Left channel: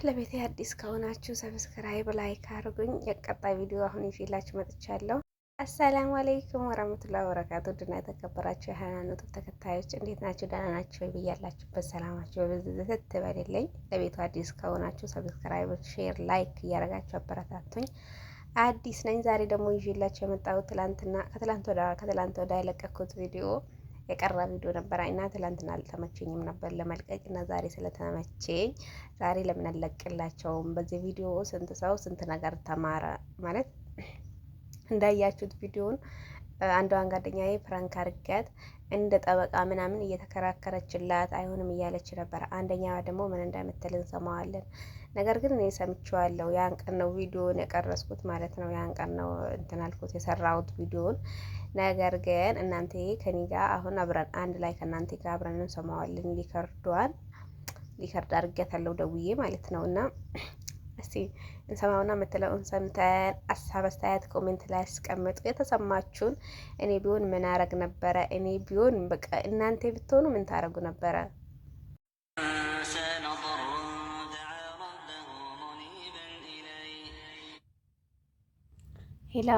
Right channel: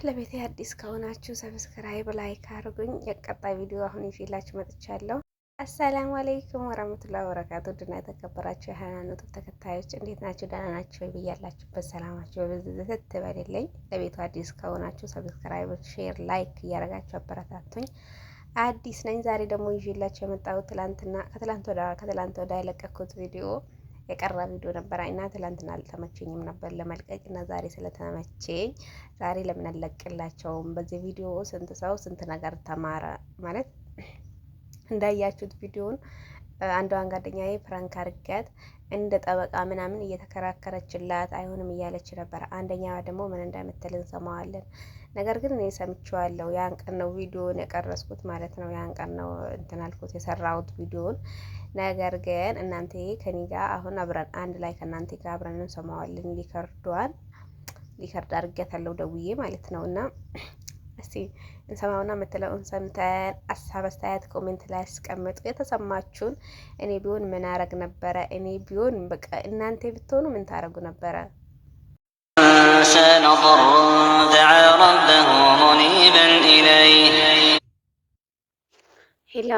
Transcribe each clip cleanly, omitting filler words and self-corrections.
ለቤቴ አዲስ ከሆናችሁ ሰብስክራይብ ላይክ አድርጉኝ። የቀጣይ ቪዲዮ አሁን ይዤላችሁ መጥቻለሁ። አሰላሙ አለይኩም ወራህመቱላሂ ወበረካቱ። ድና የተከበራችሁ የሃይማኖት ተከታዮች እንዴት ናችሁ? ደህና ናችሁ ወይ? ብያላችሁበት ሰላማችሁ በብዝት ትበልልኝ። ለቤቱ አዲስ ከሆናችሁ ሰብስክራይብ፣ ሼር፣ ላይክ እያደረጋችሁ አበረታቱኝ። አዲስ ነኝ። ዛሬ ደግሞ ይዤላችሁ የመጣሁት ከትላንት ወዳ የለቀኩት ቪዲዮ የቀረ ቪዲዮ ነበር እና ትላንትና አልተመቸኝም ነበር ለመልቀቅ እና ዛሬ ስለተመቸኝ ዛሬ ለምን አልለቅላቸውም? በዚህ ቪዲዮ ስንት ሰው ስንት ነገር ተማረ ማለት እንዳያችሁት ቪዲዮን አንዷን ጓደኛዬ ፕራንክ አድርጋት እንደ ጠበቃ ምናምን እየተከራከረችላት አይሆንም እያለች ነበር። አንደኛዋ ደግሞ ምን እንደምትል እንሰማዋለን። ነገር ግን እኔ ሰምቼዋለሁ። ያን ቀን ነው ቪዲዮን የቀረስኩት ማለት ነው። ያን ቀን ነው እንትን አልኩት የሰራሁት ቪዲዮን። ነገር ግን እናንተ ከኔ ጋር አሁን አብረን አንድ ላይ ከእናንተ ጋር አብረን እንሰማዋለን። ሊከርድ አድርጌያታለሁ ደውዬ ማለት ነው። እና እስቲ እንሰማውና የምትለውን ሰምተን ሀሳብ አስተያየት ኮሜንት ላይ አስቀምጡ የተሰማችሁን። እኔ ቢሆን ምን አረግ ነበረ? እኔ ቢሆን በቃ እናንተ ብትሆኑ ምን ታረጉ ነበረ? ሄሎ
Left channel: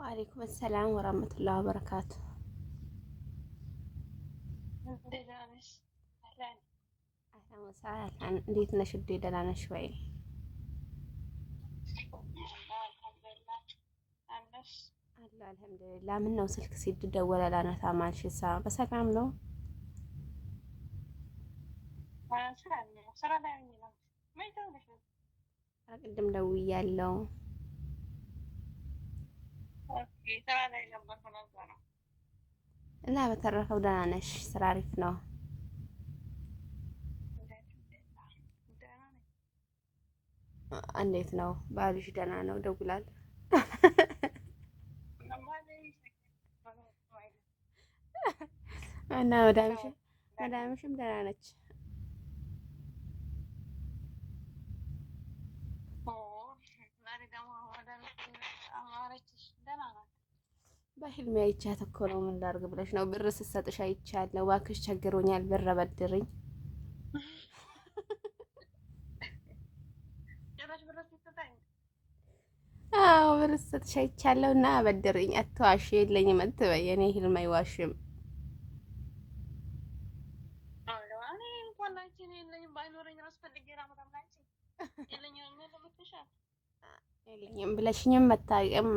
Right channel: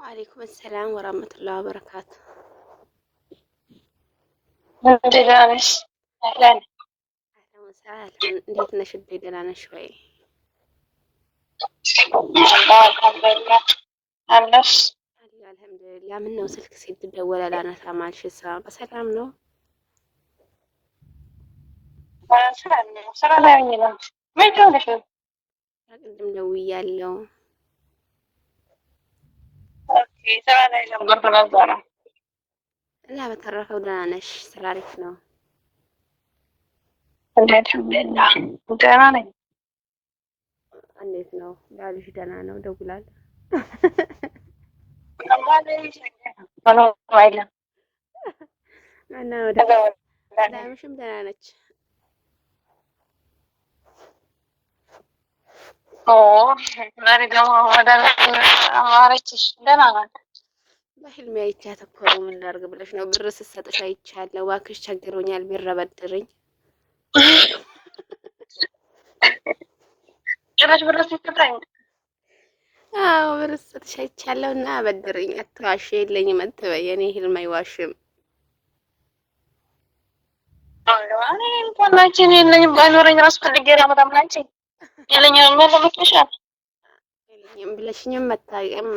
ወአለይኩም ሰላም ወራህመቱላሂ ወበረካቱ። እንዴት ነሽ? ደህና ነሽ ወይ? አልሐምዱሊላህ። ምን ነው ስልክ ሲደወል አላነሳም አልሽሳ? በሰላም ነው? ቅድም ደውያለሁ። እና በተረፈው ደህና ነሽ? ስራ አሪፍ ነው? አልሐምዱሊላህ ደህና ነኝ። እንዴት ነው ባልሽ? ደህና ነው? ደውላል እና ወዳምሽም ደህና ነች? ዛሬ ደግሞ አማረችሽ? ደህና ናት። በህልሜ አይቻት እኮ ነው። ምን ላድርግ ብለሽ ነው? ብር ስትሰጥሽ አይቻለሁ። እባክሽ ቸግሮኛል፣ ብር አበድርኝ። ጭራሽ ብር ስትሰጥኝ? አዎ ብር ስትሰጥሽ አይቻለሁ እና አበድርኝ። አትዋሽ፣ የለኝም አትበይ። የኔ ህልም አይዋሽም። እኔ እንኳን አንቺ የለኝም ባይኖረኝ ራሱ ፈልጌ ላመጣም አንቺ የለኝም ብለሽኝም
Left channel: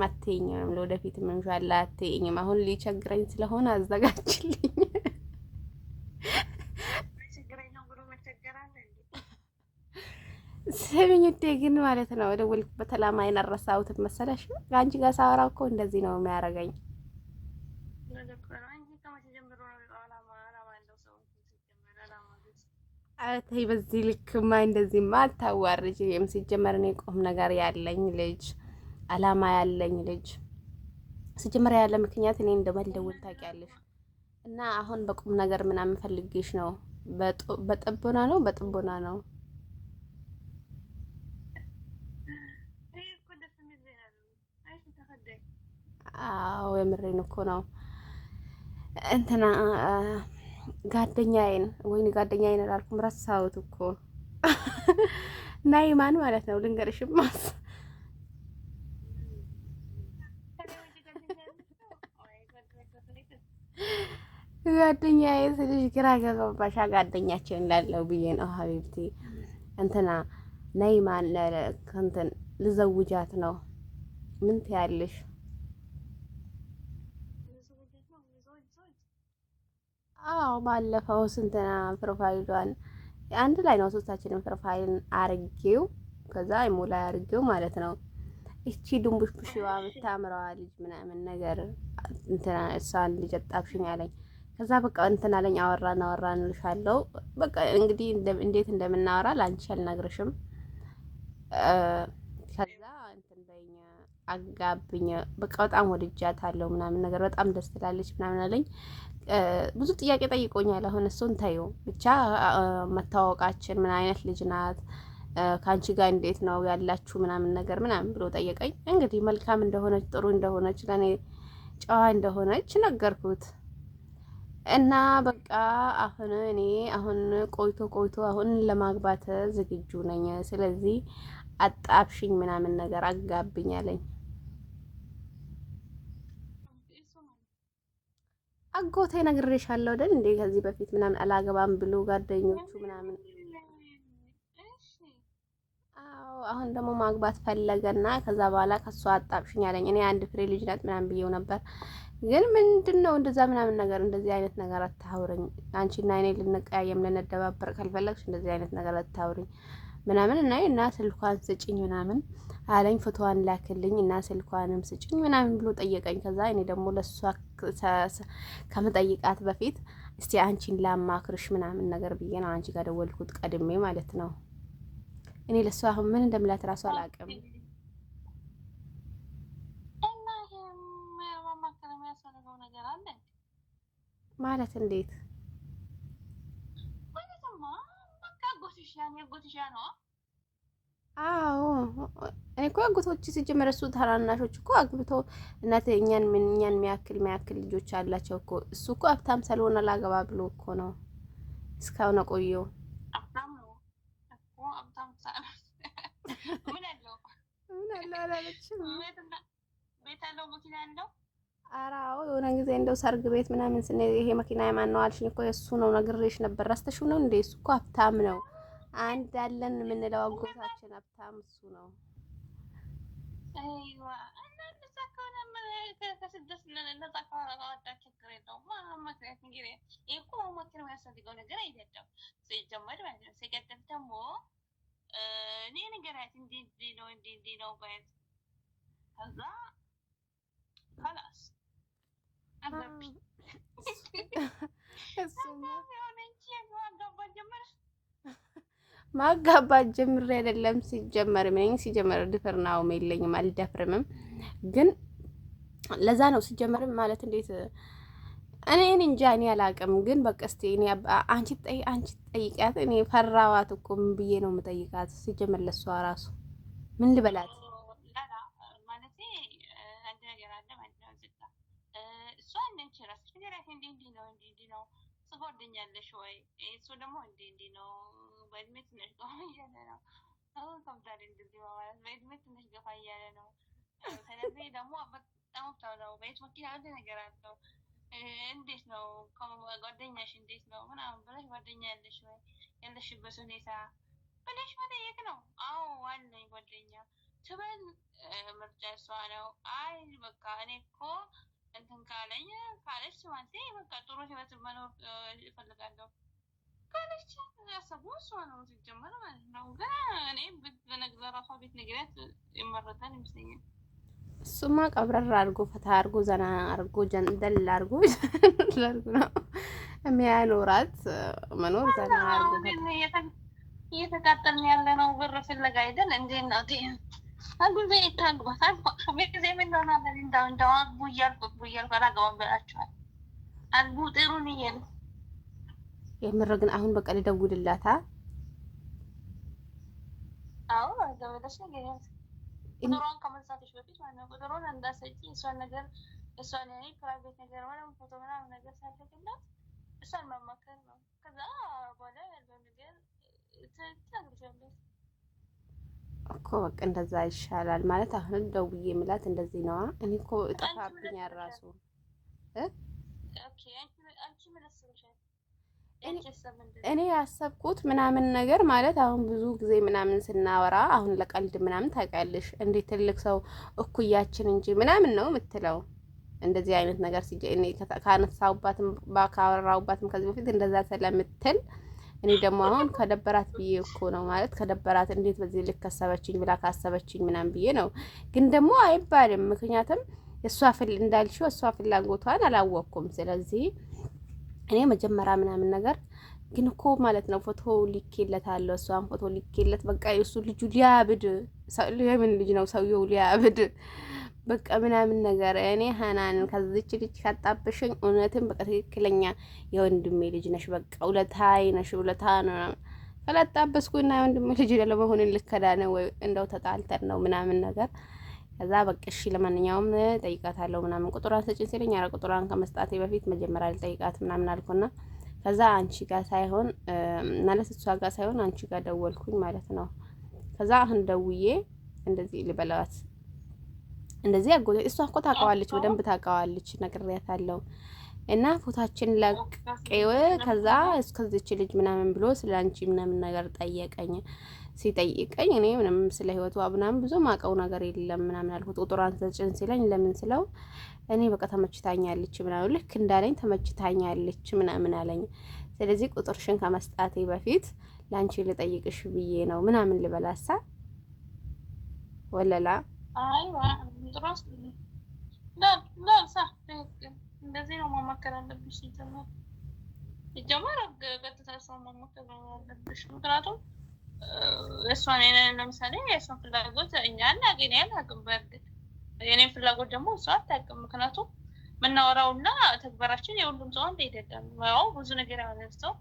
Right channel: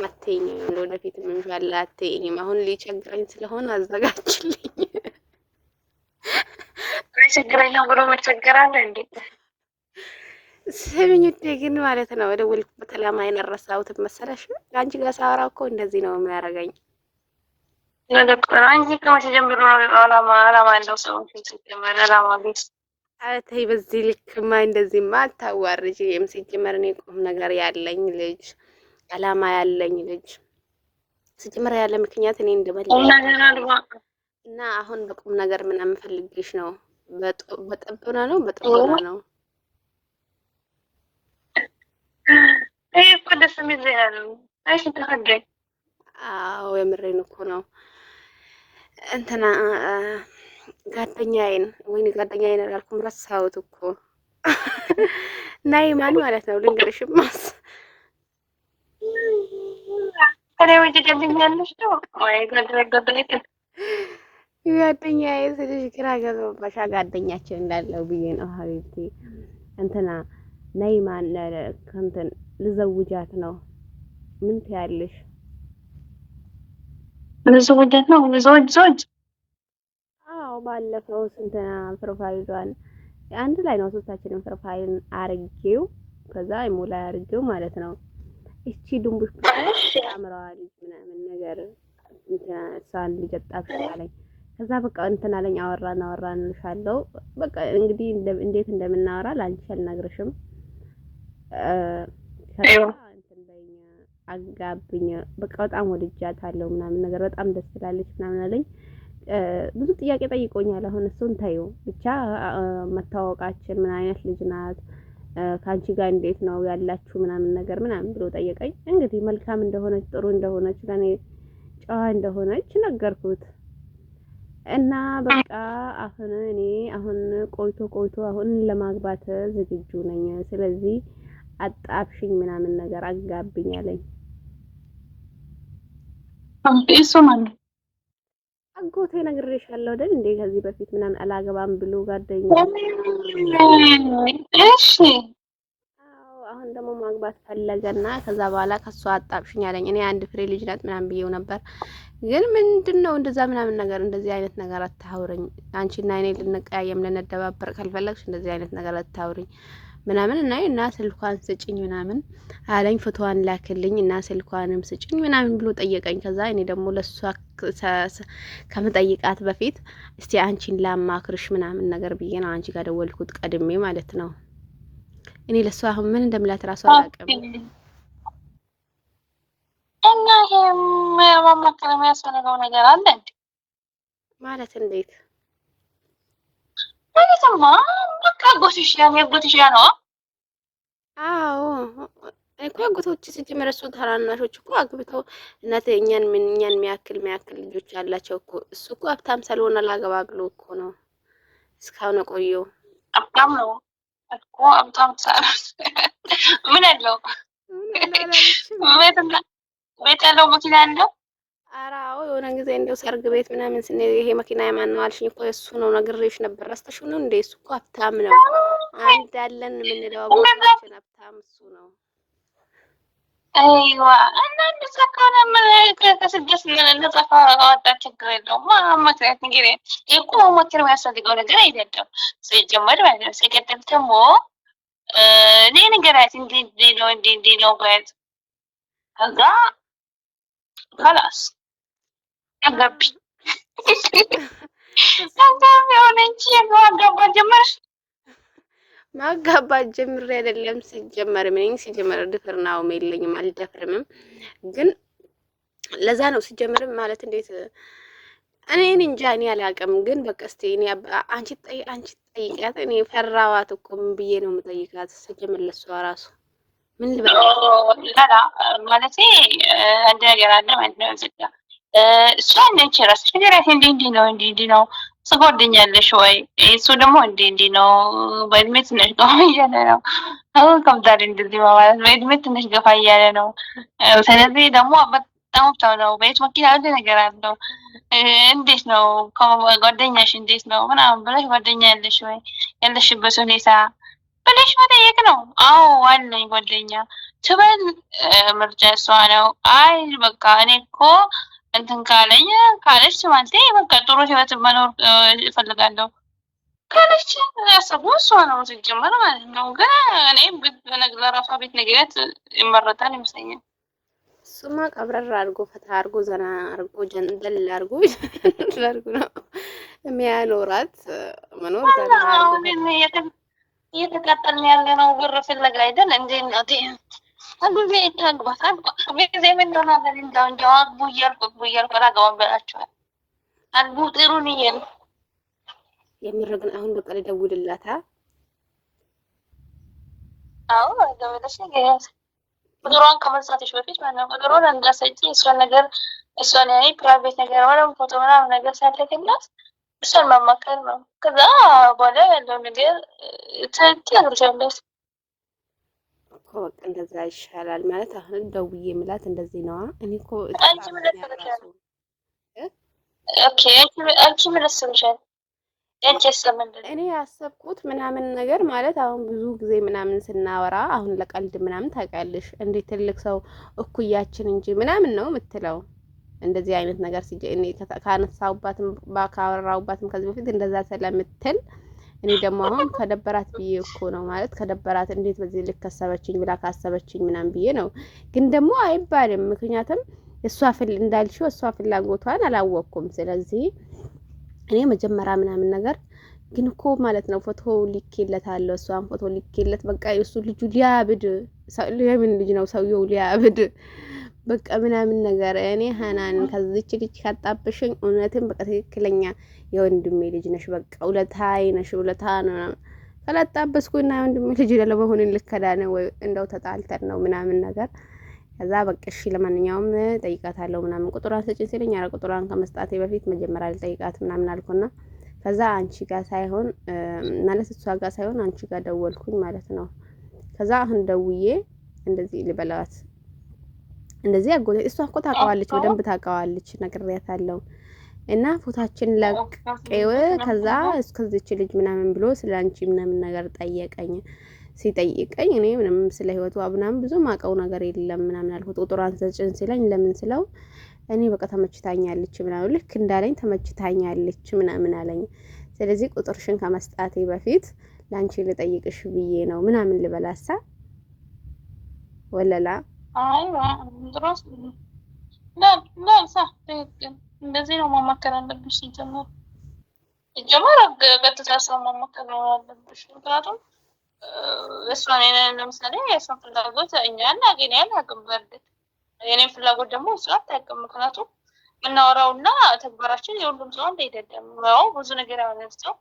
አትይኝም። ለወደፊት ምንሻላ አትይኝም። አሁን ሊቸግረኝ ስለሆነ አዘጋጅልኝ። ችግረኝ ነው ብሎ መቸገራለ እንዴ? ስሚኝ ውዴ፣ ግን ማለት ነው ደወልኩበት ዓላማ የነረሳሁት መሰለሽ? አንቺ ጋር ሳወራ እኮ እንደዚህ ነው የሚያደርገኝ። አንቺ ከመቼ ጀምሮ ዓላማ ያለው ሰው ሲጀመር ዓላማ ቤት ተይ፣ በዚህ ልክማ እንደዚህማ አታዋርጂም። ሲጀመር እኔ ቁም ነገር ያለኝ ልጅ ዓላማ ያለኝ ልጅ ሲጀመር ያለ ምክንያት እኔ እንደመለኝ እና አሁን በቁም ነገር ምናምን ፈልግሽ ነው። በጥብና ነው ነው። ይሄ እኮ ደስ የሚል ዜና ነው። አይሽ ተፈደኝ። አዎ የምሬን እኮ ነው። እንትና ጓደኛዬን አላልኩም፣ ረሳሁት እኮ ናይማን ማለት ነው። ልንገርሽማስ ጓደኛዬ ስልሽ ግራ ገባባሻ? ጓደኛችን እንዳለው ብዬ ነው ሀቢብቲ። እንትና ናይማን እንትን ልዘውጃት ነው። ምን ትያለሽ? ልዘውጃት ነው? ልዘውጅ? አዎ ባለፈው ስንትና ፕሮፋይሏን አንድ ላይ ነው ሶስታችንም ፕሮፋይልን አርጌው ከዛ ኢሞላ አርጌው ማለት ነው። እቺ ድንቡሽ ታምራዋ ልጅ ምናምን ነገር እንትና እሷን ልጅ አጣብሽኝ አለኝ። ከዛ በቃ እንትና አለኝ። አወራን ልሻለው። በቃ እንግዲህ እንዴት እንደምናወራ ላንቺ አልነግርሽም። እንትን በይኝ አጋብኝ። በቃ በጣም ወድጃታለሁ ምናምን ነገር በጣም ደስ ትላለች ምናምን አለኝ። ብዙ ጥያቄ ጠይቆኛል። አሁን እሱን ታዩ ብቻ መታወቃችን ምን አይነት ልጅ ናት፣ ከአንቺ ጋር እንዴት ነው ያላችሁ ምናምን ነገር ምናምን ብሎ ጠየቀኝ። እንግዲህ መልካም እንደሆነች ጥሩ እንደሆነች ለኔ ጨዋ እንደሆነች ነገርኩት። እና በቃ አሁን እኔ ቆይቶ አሁን ለማግባት ዝግጁ ነኝ። ስለዚህ አጣብሽኝ ምናምን ነገር አጋብኝ አለኝ። እሱ ማለት አጎቴ ነግሬሻለሁ አይደል እንዴ ከዚህ በፊት ምናምን አላገባም ብሎ ጓደኛ። እሺ አዎ አሁን ደግሞ ማግባት ፈለገና ከዛ በኋላ ከሷ አጣብሽኝ አለኝ። እኔ አንድ ፍሬ ልጅ ናት ምናምን ብዬው ነበር። ግን ምንድነው እንደዛ ምናምን ነገር እንደዚህ አይነት ነገር አታውሪኝ። አንቺና እኔ ልንቀያየም ልንደባበር ካልፈለግሽ እንደዚህ አይነት ነገር አታውሪኝ ምናምን እና ስልኳን ስጭኝ ምናምን አለኝ። ፎቶዋን ላክልኝ እና ስልኳንም ስጭኝ ምናምን ብሎ ጠየቀኝ። ከዛ እኔ ደግሞ ለሷ ከመጠይቃት በፊት እስቲ አንቺን ላማክርሽ ምናምን ነገር ብዬ ነው አንቺ ጋር ደወልኩት ቀድሜ ማለት ነው። እኔ ለሷ አሁን ምን እንደምላት እራሱ አላውቅም። እና ይሄም ማማከር የሚያስፈልገው ነገር አለ ማለት እንዴት ማለትማ በቃ ጎትሽ ያ ነው። አዎ እኔ እኮ አጎቶች ሲጀመር እሱ ታናናሾች እኮ አግብተው እናት እኛን የሚያክል ልጆች አላቸው እኮ። እሱ እኮ ሀብታም ሳልሆን አላገባ ብሎ እኮ ነው እስካሁን ቆየው። ሀብታም ነው እኮ ሀብታም ሳይሆን ምን አለው ቤት ያለው መኪና ያለው። ኧረ አዎ የሆነ ጊዜ እንደው ሰርግ ቤት ምናምን ስንሄድ ይሄ መኪና የማን ነው አልሽኝ እኮ እሱ ነው ነግሬሽ ነበር። ረስተሽው ነው እንዴ? እሱ እኮ ሀብታም ነው። አንድ አለን የምንለው አጎታችን ሀብታም እሱ ነው። አይዋ እና እንደዛ ከሆነ ምን ከስደት ነጻ ካወጣ ችግር የለውም። ምክንያት እንግዲህ እኮ መሞከር የሚያስፈልገው ነገር አይደለም ሲጀመር ማለት ነው። ሲቀጥል ደግሞ እኔ ንገራት እንዲህ ነው በት ከዛ خلاص አጋቢ ማጋባት ጀምሬ አይደለም ሲጀመር ምን ሲጀመር ድፍርናውም የለኝም አልደፍርምም። ግን ለዛ ነው ሲጀመር ማለት እንዴት እኔ እንጃ እኔ አላውቅም። ግን በቃ እስቲ እኔ አንቺ ጠይቂያት። እኔ ፈራዋት እኮ ምን ብዬ ነው የምጠይቃት? ሲጀመር ለሷ ራሱ ምን ልበላት? ላላ ማለት አንድ ነገር አለ ማለት ነው። እሷ እንደች ራስሽ ነገራት እንዲህ ነው ስጓደኛለሽ ወይ? እሱ ደግሞ እንዲህ ነው በእድሜ ትንሽ ገፋ እያለ ነው። አሁን ከምታሪ እንደዚህ ማለት በእድሜ ትንሽ ገፋ እያለ ነው። ስለዚህ ደግሞ በጣም ሀብታም ነው። ቤት መኪና አንድ ነገር አለው። እንዴት ነው ጓደኛሽ እንዴት ነው ምናምን ብለሽ ጓደኛ ያለሽ ወይ ያለሽበት ሁኔታ ብለሽ መጠየቅ ነው። አዎ አለኝ ጓደኛ ትበል ምርጫ እሷ ነው። አይ በቃ እኔ እኮ እንትን ካለች ማለት በቃ ጥሩ ህይወት መኖር እፈልጋለሁ ካለች ያሰቡ እሷ ነው ሲጀመር ማለት ነው። ግን እኔ ለራሷ ቤት ነግሪያት ይመረጣል ይመስለኛል። እሱማ ቀብረር አድርጎ ፈታ አድርጎ ዘና አድርጎ ጀንደል አድርጎ ነው የሚያኖራት መኖር ዘና አድርጎ እየተቃጠልን ያለ ነው። ብር ፍለጋ አይደል እንዴ እናቴ? አግቢ ታግባት ጊዜ ምን ሆናለን? እንደው አግቡ እያልኩ አላገባም በላችኋል። አግቡ ጥሩን እየል የምር ግን አሁን በቃ ልደውልላታ። አዎ ደውለሽ ንገሪያት። ቁጥሯን ከመጻፍሽ በፊት ማለት ነው። ቁጥሩን እንዳሰጪ እሷን ያኔ ፕራይቬት ነገር ወይም ፎቶ ምናምን ነገር ሳልልክላት እሷን ማማከር ነው። ከዛ በኋላ ያለው ነገር ትነግርሻለሽ እኮ በቃ እንደዛ ይሻላል ማለት አሁን ደውዬ የምላት እንደዚህ ነዋ። እኔ እኮ አንቺ ምን ልትልሻል? ኦኬ አንቺ ምን ልትልሻል? እኔ ያሰብኩት ምናምን ነገር ማለት አሁን ብዙ ጊዜ ምናምን ስናወራ አሁን ለቀልድ ምናምን ታውቂያለሽ እንዴ ትልቅ ሰው እኩያችን እንጂ ምናምን ነው የምትለው። እንደዚህ አይነት ነገር እኔ ካነሳውባትም ካወራውባትም ከዚህ በፊት እንደዛ ስለምትል እኔ ደግሞ አሁን ከደበራት ብዬ እኮ ነው ማለት ከደበራት እንዴት በዚህ ልክ ከሰበችኝ ብላ ካሰበችኝ ምናምን ብዬ ነው። ግን ደግሞ አይባልም ምክንያቱም እንዳልሽው እሷ ፍላጎቷን አላወቅኩም። ስለዚህ እኔ መጀመሪያ ምናምን ነገር ግን እኮ ማለት ነው ፎቶ ልኬለታለሁ። እሷን ፎቶ ልኬለት በቃ የእሱ ልጁ ሊያብድ ለምን ልጅ ነው ሰውየው ሊያብድ በቃ ምናምን ነገር እኔ ሀናን ከዚች ልጅ ካጣብሽኝ እውነትም በቃ ትክክለኛ የወንድሜ ልጅ ነሽ። በቃ ውለታይ ነሽ ውለታ ነው ካላጣበስኩና የወንድሜ ልጅ ለመሆን ልከዳ ነው ወይ እንደው ተጣልተን ነው ምናምን ነገር ከዛ በቃ እሺ ለማንኛውም ጠይቃታለሁ ምናምን ቁጥሯን ስጪኝ ሲለኝ ኧረ ቁጥሯን ከመስጣቴ በፊት መጀመሪያ ልጠይቃት ምናምን አልኩና ከዛ አንቺ ጋር ሳይሆን ማለት እሷ ጋር ሳይሆን አንቺ ጋር ደወልኩኝ ማለት ነው። ከዛ አሁን ደውዬ እንደዚህ ልበላት እንደዚህ አጎቴ እሷ እኮ ታውቀዋለች፣ በደንብ ታውቀዋለች፣ ነግሬያታለሁ። እና ፎታችን ለቀው ከዛ እስከዚች ልጅ ምናምን ብሎ ስለ አንቺ ምናምን ነገር ጠየቀኝ። ሲጠይቀኝ እኔ ምንም ስለ ህይወቷ ምናምን ብዙ ማውቀው ነገር የለም ምናምን አልኩት። ቁጥሯን ሰጭን ሲለኝ ለምን ስለው እኔ በቃ ተመችታኛለች ምናምን ልክ እንዳለኝ ተመችታኛለች ምናምን አለኝ። ስለዚህ ቁጥርሽን ከመስጣቴ በፊት ላንቺ ልጠይቅሽ ብዬ ነው ምናምን ልበላሳ ወለላ ድሮስ صح እንደዚህ ነው ማማከር አለብሽ። ሲጀመር ቀጥታ ሰው ማማከር አለብሽ። ምክንያቱም እሷን ለምሳሌ የእሷን ፍላጎት እኛ እናገኛለን አቅም በርግጥ የኔን ፍላጎት ደግሞ እሷ አታውቅም። ምክንያቱም የምናወራውና ተግባራችን የሁሉም ሰው አንድ አይደለም። ያው ብዙ ነገር ያወራው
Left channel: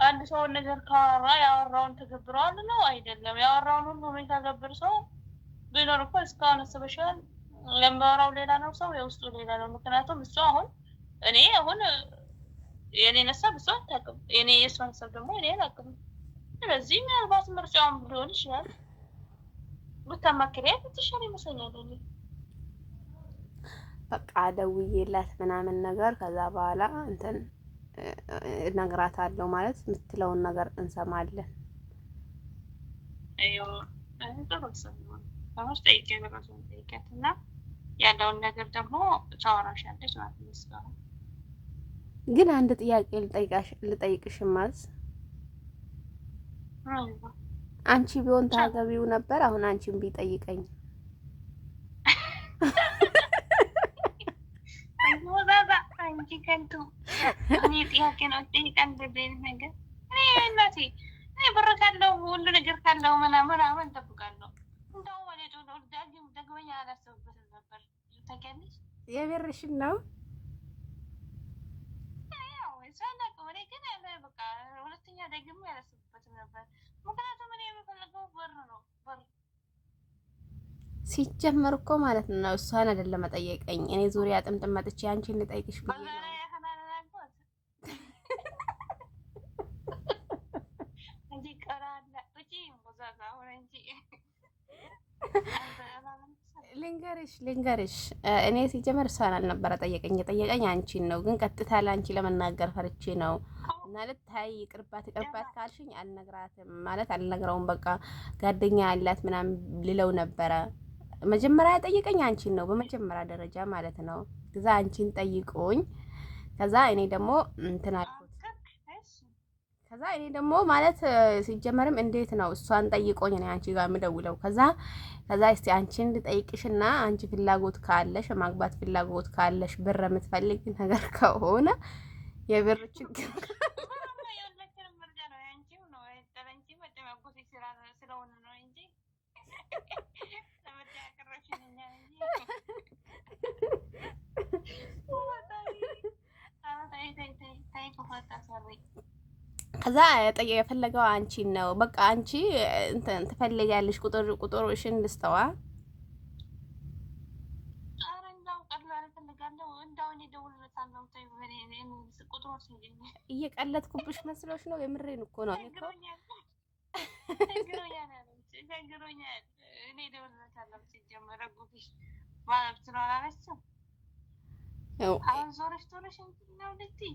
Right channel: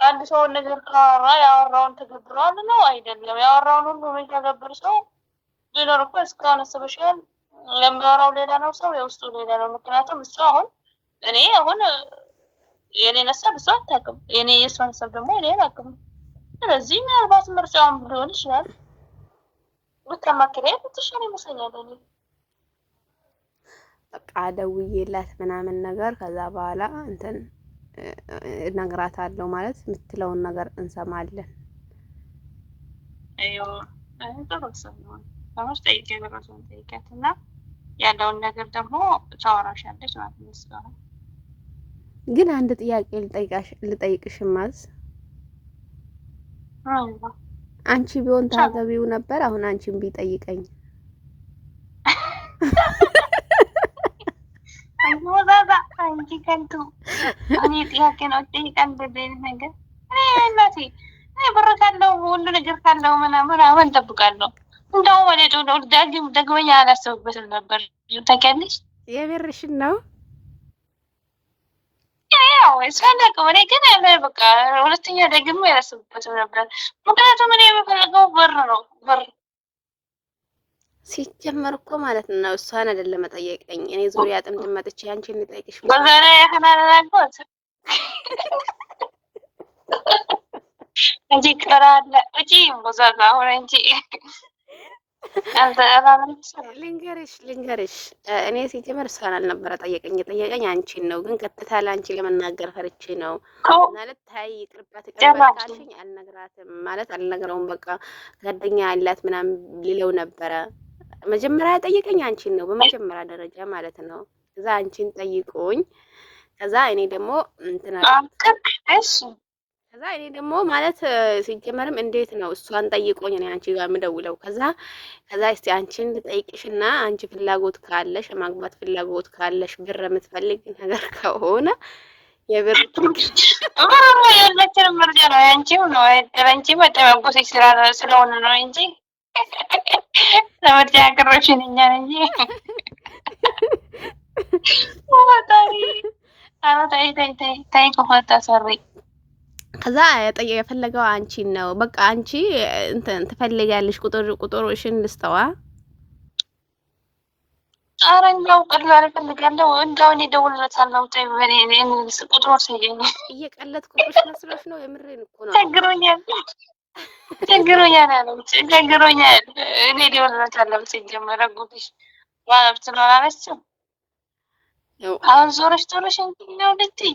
አንድ ሰው ነገር ካወራ ያወራውን ተገብሯል ነው አይደለም። ያወራውን ሁሉ የሚተገብር ሰው ቢኖር እኮ እስካሁን አስበሻል። ለሚያወራው ሌላ ነው፣ ሰው የውስጡ ሌላ ነው። ምክንያቱም እሱ እኔ የኔን ሀሳብ እሷ አታውቅም፣ የእሷን ሀሳብ ደግሞ እኔ አላውቅም። ስለዚህ ምናልባት ምርጫውን ሊሆን ይችላል ብታማክሪያት ብትሻል ይመስለኛል። በቃ ደውዬላት ምናምን ነገር ከዛ በኋላ እንትን እነግራታለሁ ማለት የምትለውን ነገር እንሰማለን። አይዮ ተመስ ጠይቄ በራሷን ጠይቂያትና ያለውን ነገር ደግሞ ታወራሻለች ማለት ነው። ግን አንድ ጥያቄ ልጠይቅሽ ማዝ አንቺ ቢሆን ታገቢው ነበር? አሁን አንቺን ቢጠይቀኝ ወዛዛ አንቺ ከንቱ እኔ ጥያቄ ነው ጠይቀን በደል ነገር እኔ እናቴ እኔ ብር ካለው ሁሉ ነገር ካለው ምናምን አሁን ጠብቃለሁ። እንደው ወደ ነው ደግመኛ አላሰብበትም ነበር። ታውቂያለሽ? የብርሽን ነው ያው እስካለቀው እኔ ግን ያለ በቃ ሁለተኛ ደግሞ ያላሰብበትም ነበር። ምክንያቱም እኔ የምፈልገው ብር ነው። ብር ሲጀመር እኮ ማለት ነው እሷን አይደለም መጠየቀኝ። እኔ ዙሪያ ጥምጥም መጥቼ አንቺን ልጠይቅሽ በዛሬ ያህናናልኩት እንጂ ቀራለ እጂ ወዛዛ ሆነ እንጂ ልንገርሽ እኔ ሲጀመር እሷን አልነበረ ጠየቀኝ አንቺን ነው። ግን ቀጥታ ለአንቺ ለመናገር ፈርቼ ነው ማለት ታይ ይቅርባት ካልሽኝ አልነግራትም ማለት አልነግረውም። በቃ ጓደኛ ያላት ምናምን ልለው ነበረ። መጀመሪያ ጠየቀኝ አንቺን ነው በመጀመሪያ ደረጃ ማለት ነው። ከዛ አንቺን ጠይቆኝ ከዛ እኔ ደግሞ እንትና ከዛ እኔ ደግሞ ማለት ሲጀመርም እንዴት ነው እሷን ጠይቆኝ እኔ አንቺ ጋር የምደውለው? ከዛ እስቲ አንቺን ልጠይቅሽና አንቺ ፍላጎት ካለሽ ማግባት ፍላጎት ካለሽ ብር የምትፈልግ ነገር ከሆነ የብር ያለችን ምርጫ ነው ያንቺው ነው አንቺ መጠበቁ ስለሆነ ነው እንጂ ለምርጫ ያቀረብሽን እኛ እንጂ ታይ ከሆታ ሰሪ ከዛ የፈለገው አንቺን ነው። በቃ አንቺ እንትን ትፈልጊያለሽ ቁጥርሽን ልስጠዋ። ኧረ እንደው ቀላል እፈልጋለሁ። እንደው እኔ እደውልለታለሁ። ቁጥሩ ወሰደኝ። እየቀለድኩብሽ መስሎሽ ነው? የምሬን እኮ ነው። ቸግሮኛል አለች። ቸግሮኛል እኔ እደውልለታለሁ። ሲጀመር ጉድሽ ማለት ነው አላለችም። አሁን ዞረሽ ነው ልትይ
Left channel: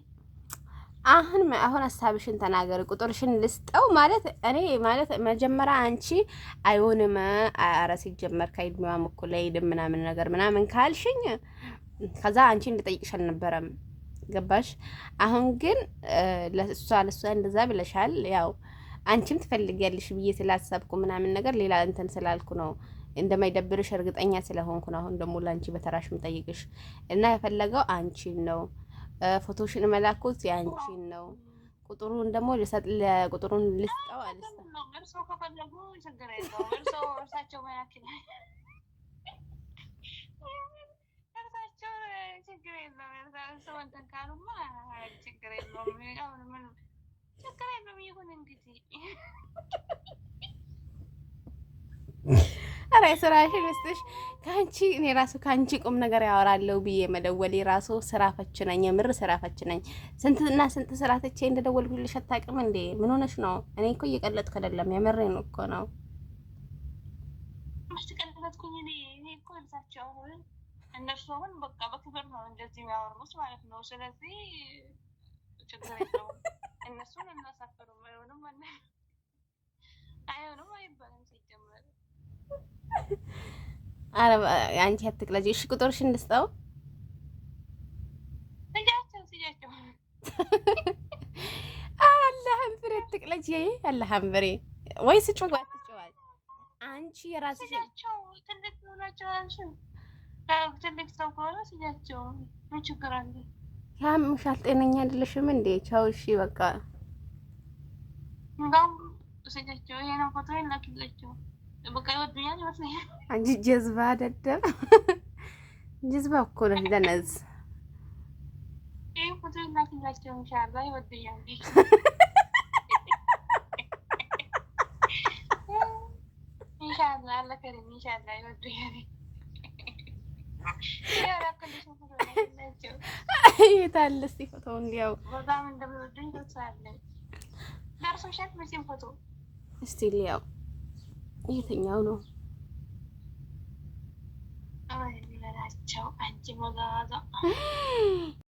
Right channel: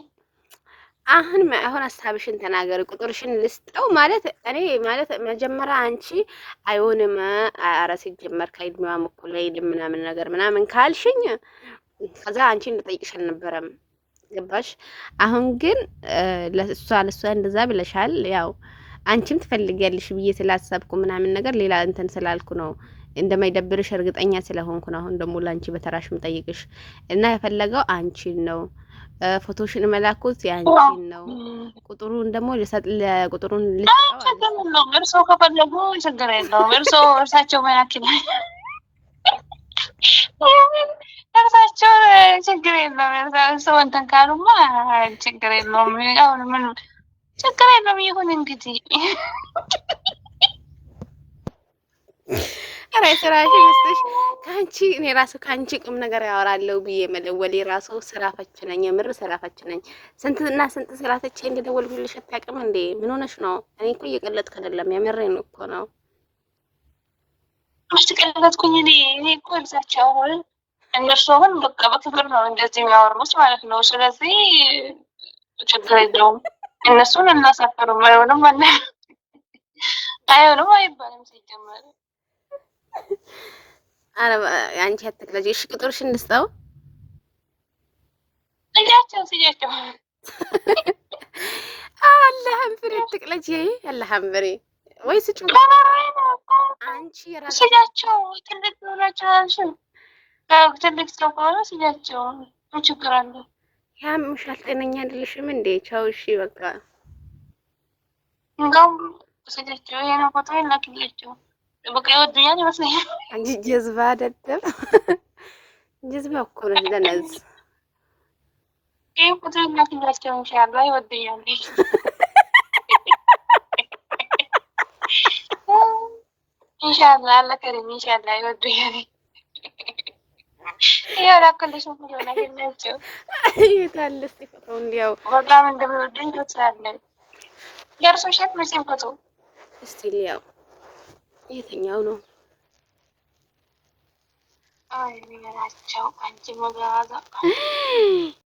አሁን ሀሳብሽን ተናገሪ። ቁጥርሽን ልስጠው ማለት እኔ ማለት መጀመሪያ አንቺ አይሆንም ኧረ ሲጀመር ከእድሜዋም እኩል አይደለም ምናምን ካልሽኝ ከዛ አንቺን ልጠይቅሽ አልነበረም። ገባሽ? አሁን ግን ለሷ እንደዛ ብለሻል። ያው አንቺም ትፈልጊያለሽ ብዬ ስላሰብኩ ምናምን ነገር ሌላ እንትን ስላልኩ ነው እንደማይደብርሽ እርግጠኛ ስለሆንኩ ነው። አሁን ደግሞ ላንቺ በተራሽ ምጠይቅሽ እና የፈለገው አንቺን ነው። ፎቶሽን መላኩት ያንቺን ነው። ቁጥሩን ደግሞ ቁጥሩን ልስጠው። እርሶ ከፈለጉ ችግር የለውም። እርሳቸው መላክል እርሳቸው ችግር የለውም። እርሶ እንትን ካሉማ ችግር የለውም። አሁን ምን ችግር የለውም። ይሁን እንግዲህ ኧረ ስራሽ ይመስልሽ ከአንቺ እኔ ራሱ ከአንቺ ቁም ነገር ያወራለሁ ብዬ መደወሌ ራሱ ስራ ፈች ነኝ። የምር ስራ ፈች ነኝ። ስንትና ስንት ስራ ተቼ እንደደወልኩልሽ አታውቅም እንዴ? ምን ሆነሽ ነው? እኔ እኮ እየቀለጥኩ አይደለም፣ የምሬን እኮ ነው። ውስጥ ቀለጥኩኝ እኔ እኮ እዛቸው አሁን እነሱ አሁን በቃ በክብር ነው እንደዚህ የሚያወሩት ማለት ነው። ስለዚህ ችግር የለውም። እነሱን እናሳፈሩም። አይሆንም አለ አይሆንም አይባልም ሲጀመር። አረ አንቺ አትቅለጂ። እሺ ቁጥርሽን እንስጠው። ስጃቸው አላህም ፍሬ አትቅለጂ። አላህም ፍሬ ወይ ስጩ። አንቺ የራስሽ ስጃቸው ትልቅ ናቸው። ትልቅ ሰው ከሆነ ስጃቸው ምን ችግር አለ? ያምሻል። ጤነኛ አይደለሽም እንዴ? ቻው። እሺ በቃ እንደውም ስጃቸው ይሄ ነው ፎቶ ላክላቸው። በቃ ይወዱኛል ይመስለኛል። አንቺ ጀዝባ ደደብ ጀዝባ እኮ ነሽ ደነዝ። ይሄ ፎቶ ላክላቸው ኢንሻአላህ ይወዱኛል። ኢንሻአላህ አላህ ከሪም ኢንሻአላህ ይወዱኛል። ያው ላክልሽ ፎቶ ላክላቸው። የታለ እስኪ ፎቶው እንዲያው በጣም እንደሚወዱኝ ተስፋለኝ። ደርሶሻል መቼም ፎቶ እስቲ ሊያው የትኛው ነው? አይ ምን አላቸው አንቺ መጋዛ